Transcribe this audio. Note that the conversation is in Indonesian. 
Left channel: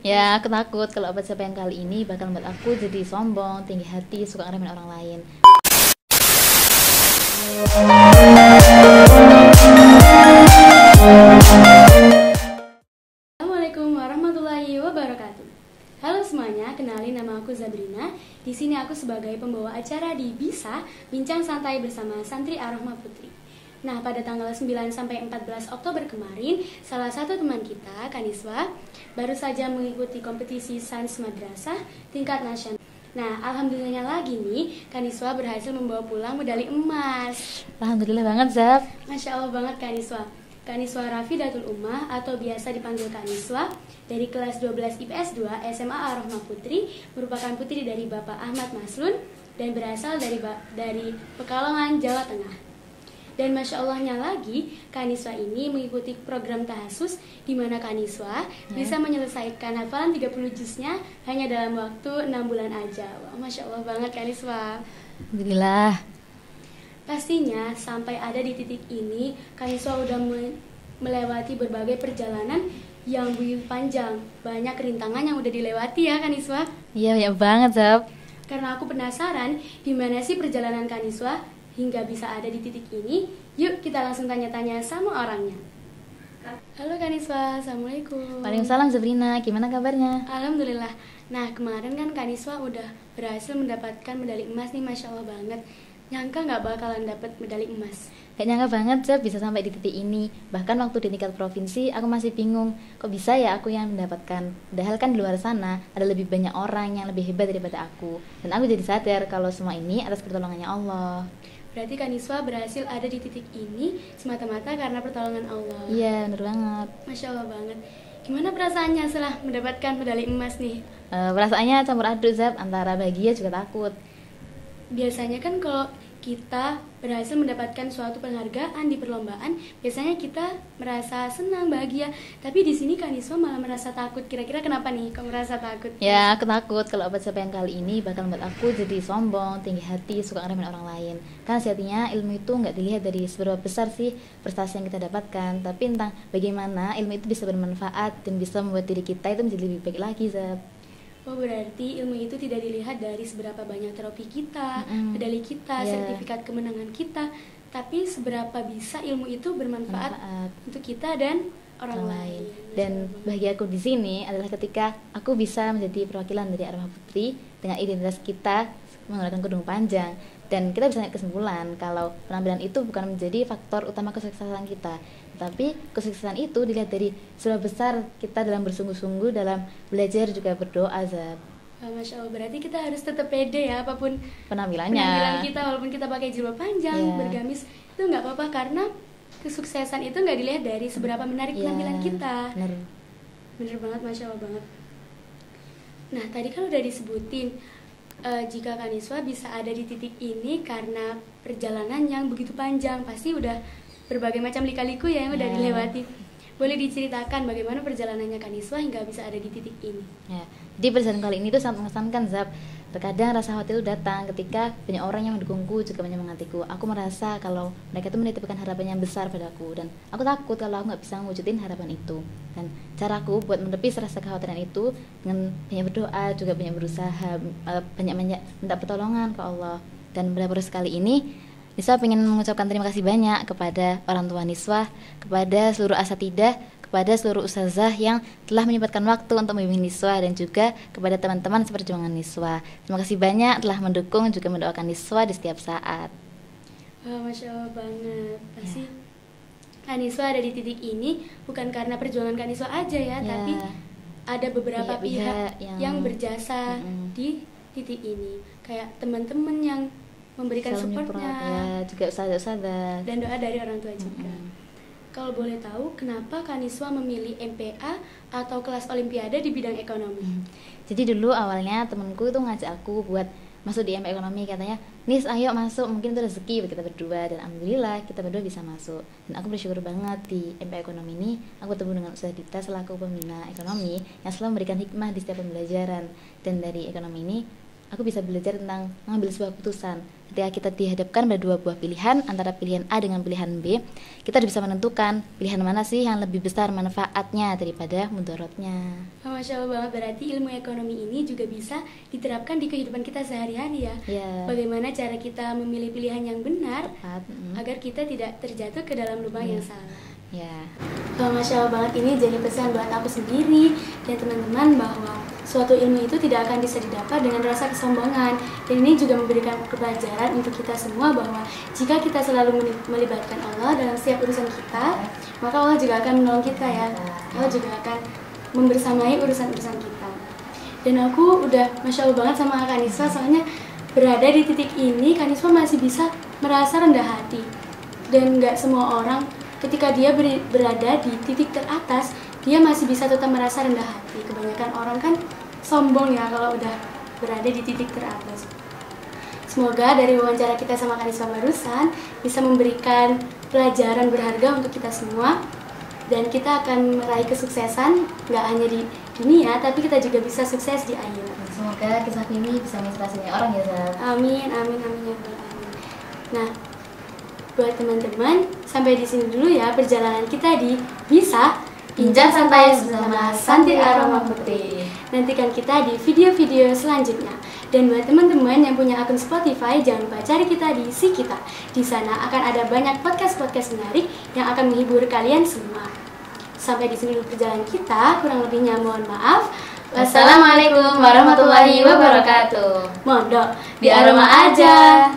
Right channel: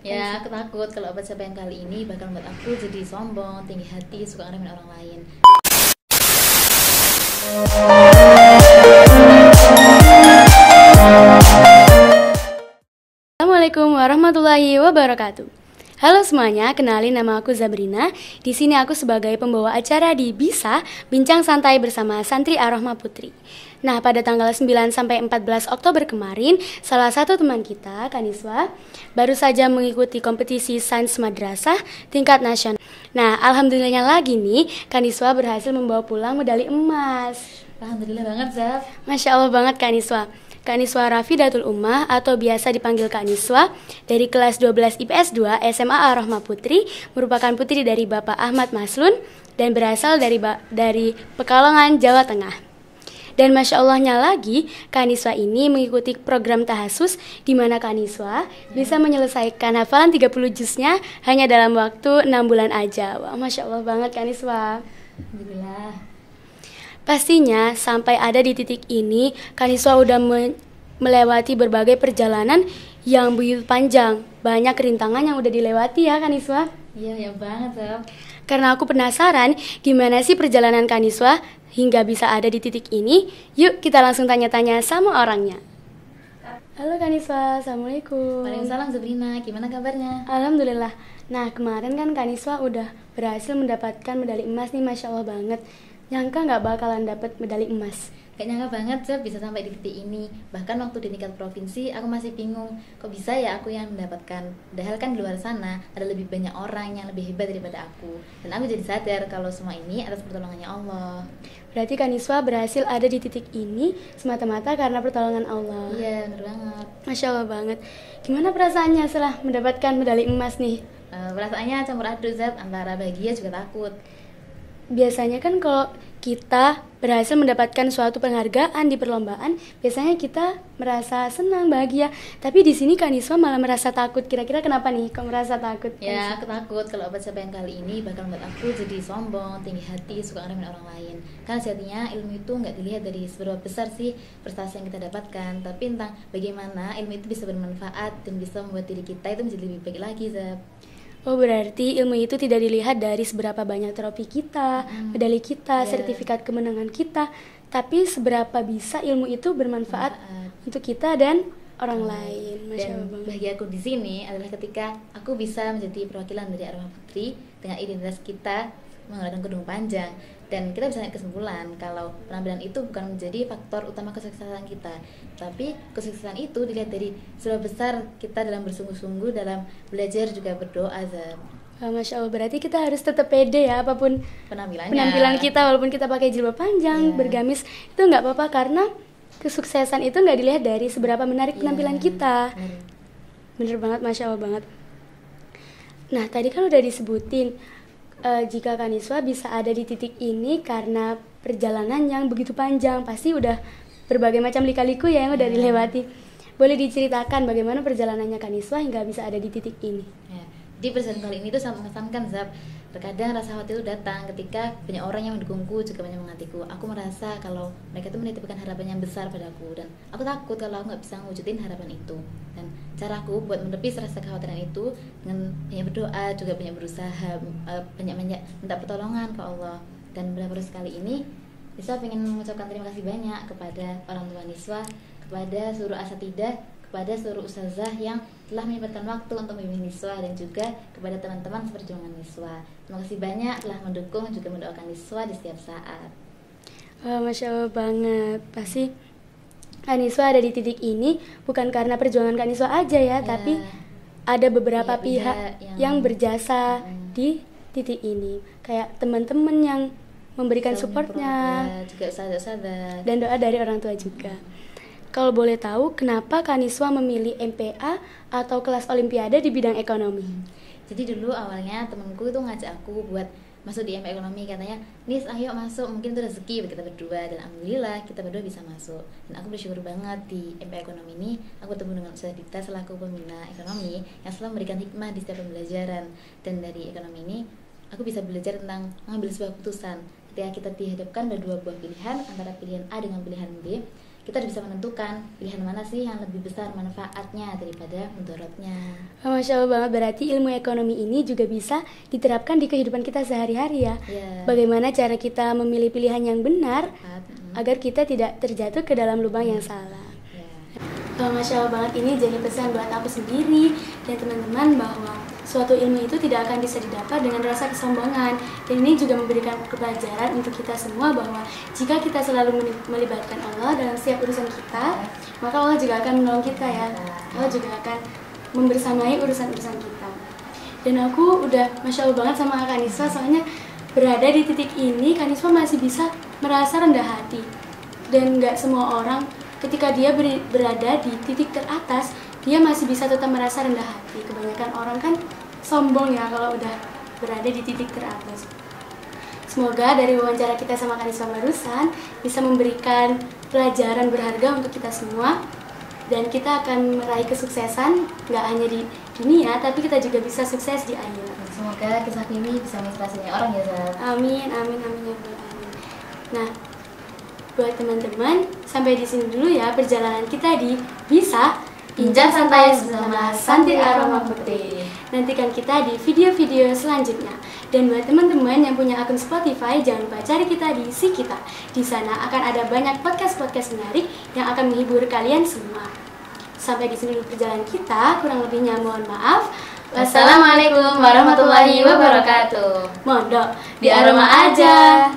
Ya, aku takut kalau pencapaian kali ini bakal membuat aku jadi sombong, tinggi hati, suka ngeremehin orang lain. Assalamualaikum warahmatullahi wabarakatuh. Halo semuanya, kenalin nama aku Zabrina. Di sini aku sebagai pembawa acara di Bisa Bincang Santai bersama Santri Ar-Rahma Putri. Nah, pada tanggal 9 sampai 14 Oktober kemarin, salah satu teman kita, Kaniswa, baru saja mengikuti kompetisi Sains Madrasah tingkat nasional. Nah, alhamdulillahnya lagi nih, Kaniswa berhasil membawa pulang medali emas. Alhamdulillah banget, Zab. Masya Allah banget Kaniswa. Kaniswa Rafidatul Ummah atau biasa dipanggil Kaniswa dari kelas 12 IPS 2 SMA Ar-Rahma Putri merupakan putri dari Bapak Ahmad Maslun dan berasal dari Pekalongan, Jawa Tengah. Dan Masya Allahnya lagi, Kaniswa ini mengikuti program tahasus di mana Kaniswa bisa menyelesaikan hafalan 30 juznya hanya dalam waktu 6 bulan aja. Wah, Masya Allah banget Kaniswa. Alhamdulillah. Pastinya sampai ada di titik ini, Kaniswa udah melewati berbagai perjalanan yang begitu panjang. Banyak rintangan yang udah dilewati ya Kaniswa. Iya, banyak banget, Zab. Karena aku penasaran gimana sih perjalanan Kaniswa hingga bisa ada di titik ini. Yuk kita langsung tanya-tanya sama orangnya. Halo Kaniswa, Assalamualaikum. Waalaikumsalam, Zabrina. Gimana kabarnya? Alhamdulillah. Nah, kemarin kan Kaniswa udah berhasil mendapatkan medali emas nih, Masya Allah banget. Nyangka nggak bakalan dapet medali emas. Gak nyangka banget, Zab, bisa sampai di titik ini. Bahkan waktu di tingkat provinsi, aku masih bingung. Kok bisa ya aku yang mendapatkan? Padahal kan di luar sana ada lebih banyak orang yang lebih hebat daripada aku. Dan aku jadi sadar kalau semua ini atas pertolongannya Allah. Berarti Kaniswa berhasil ada di titik ini semata-mata karena pertolongan Allah. Iya, bener banget. Masya Allah banget. Gimana perasaannya setelah mendapatkan medali emas nih? Perasaannya campur aduk, Zab, antara bahagia juga takut. Biasanya kan kalau kita berhasil mendapatkan suatu penghargaan di perlombaan, biasanya kita merasa senang, bahagia. Tapi di sini Kaniswa malah merasa takut. Kira-kira kenapa nih kau merasa takut? Ya, aku takut kalau pencapaian kali ini bakal membuat aku jadi sombong, tinggi hati, suka ngeremehin orang lain. Karena sejatinya ilmu itu nggak dilihat dari seberapa besar sih prestasi yang kita dapatkan, tapi tentang bagaimana ilmu itu bisa bermanfaat dan bisa membuat diri kita itu menjadi lebih baik lagi, Zab. Oh, berarti ilmu itu tidak dilihat dari seberapa banyak trofi kita, medali kita, sertifikat kemenangan kita, tapi seberapa bisa ilmu itu bermanfaat untuk kita dan orang lain. Dan bahagia aku di sini adalah ketika aku bisa menjadi perwakilan dari Ar-Rahma Putri dengan identitas kita menggunakan kerudung panjang, dan kita bisa naik kesimpulan kalau penampilan itu bukan menjadi faktor utama kesuksesan kita, tapi kesuksesan itu dilihat dari seberapa besar kita dalam bersungguh-sungguh dalam belajar juga berdoa, Zab. Masya Allah, berarti kita harus tetap pede ya apapun penampilan kita, walaupun kita pakai jilbab panjang, bergamis, itu nggak apa-apa karena kesuksesan itu nggak dilihat dari seberapa menarik penampilan kita. Bener banget, Masya Allah banget. Nah, tadi kan udah disebutin jika Kaniswa bisa ada di titik ini karena perjalanan yang begitu panjang, pasti udah berbagai macam lika-liku ya yang udah dilewati. Boleh diceritakan bagaimana perjalanannya Kaniswa hingga bisa ada di titik ini? Ya, jadi perjalanan kali ini tuh sangat mengesankan, Zab. Terkadang rasa khawatir itu datang ketika banyak orang yang mendukungku, juga menyemangatiku. Aku merasa kalau mereka itu menitipkan harapan yang besar padaku, dan aku takut kalau aku nggak bisa mewujudin harapan itu. Dan caraku buat menepis rasa kekhawatiran itu dengan banyak berdoa, juga banyak berusaha, banyak minta pertolongan ke Allah. Dan pada proses kali ini Niswa ingin mengucapkan terima kasih banyak kepada orang tua Niswa, kepada seluruh asatidah, kepada seluruh ustazah yang telah menyempatkan waktu untuk membimbing Niswa, dan juga kepada teman-teman seperjuangan Niswa. Terima kasih banyak telah mendukung juga mendoakan Niswa di setiap saat. Masya Allah banget. Pasti Kaniswa ada di titik ini bukan karena perjuangan Kaniswa aja ya, tapi ada beberapa pihak yang berjasa di titik ini. Kayak teman-teman yang memberikan supportnya, juga sadar dan doa dari orang tua juga. Kalau boleh tahu, kenapa Kaniswa memilih MPA atau kelas olimpiade di bidang ekonomi? Jadi dulu awalnya temanku itu ngajak aku buat masuk di MPA ekonomi, katanya, "Nis, ayo masuk, mungkin itu rezeki kita berdua." Dan alhamdulillah kita berdua bisa masuk. Dan aku bersyukur banget di MPA ekonomi ini aku bertemu dengan Ustazah Dita selaku pembina ekonomi yang selalu memberikan hikmah di setiap pembelajaran. Dan dari ekonomi ini aku bisa belajar tentang mengambil sebuah keputusan, ketika kita dihadapkan pada dua buah pilihan, antara pilihan A dengan pilihan B, kita bisa menentukan pilihan mana sih yang lebih besar manfaatnya daripada mudaratnya. Masya Allah banget, berarti ilmu ekonomi ini juga bisa diterapkan di kehidupan kita sehari-hari ya. Bagaimana cara kita memilih pilihan yang benar agar kita tidak terjatuh ke dalam lubang yang salah. Masya Allah banget, ini jadi pesan buat aku sendiri dan teman-teman bahwa suatu ilmu itu tidak akan bisa didapat dengan rasa kesombongan. Dan ini juga memberikan pelajaran untuk kita semua bahwa jika kita selalu melibatkan Allah dalam setiap urusan kita, maka Allah juga akan menolong kita ya. Allah juga akan membersamai urusan-urusan kita. Dan aku udah Masya Allah banget sama Kak Niswa, soalnya berada di titik ini Kak Niswa masih bisa merasa rendah hati. Dan gak semua orang ketika dia berada di titik teratas, dia masih bisa tetap merasa rendah hati. Kebanyakan orang kan sombong ya kalau udah berada di titik teratas. Semoga dari wawancara kita sama Kak Niswa barusan bisa memberikan pelajaran berharga untuk kita semua, dan kita akan meraih kesuksesan nggak hanya di dunia, tapi kita juga bisa sukses di akhirat. Semoga kisah ini bisa menginspirasi orang ya, Zat. Amin, amin, amin ya Rabbal alamin. Nah, buat teman-teman, sampai di sini dulu ya perjalanan kita di Bisa Bincang Santai bersama Santi Aroma Putri. Nantikan kita di video-video selanjutnya. Dan buat teman-teman yang punya akun Spotify, jangan lupa cari kita di Si Kita. Di sana akan ada banyak podcast-podcast menarik yang akan menghibur kalian semua. Sampai di sini dulu perjalanan kita, kurang lebihnya mohon maaf. Wassalamualaikum warahmatullahi wabarakatuh. Mondok di Aroma aja.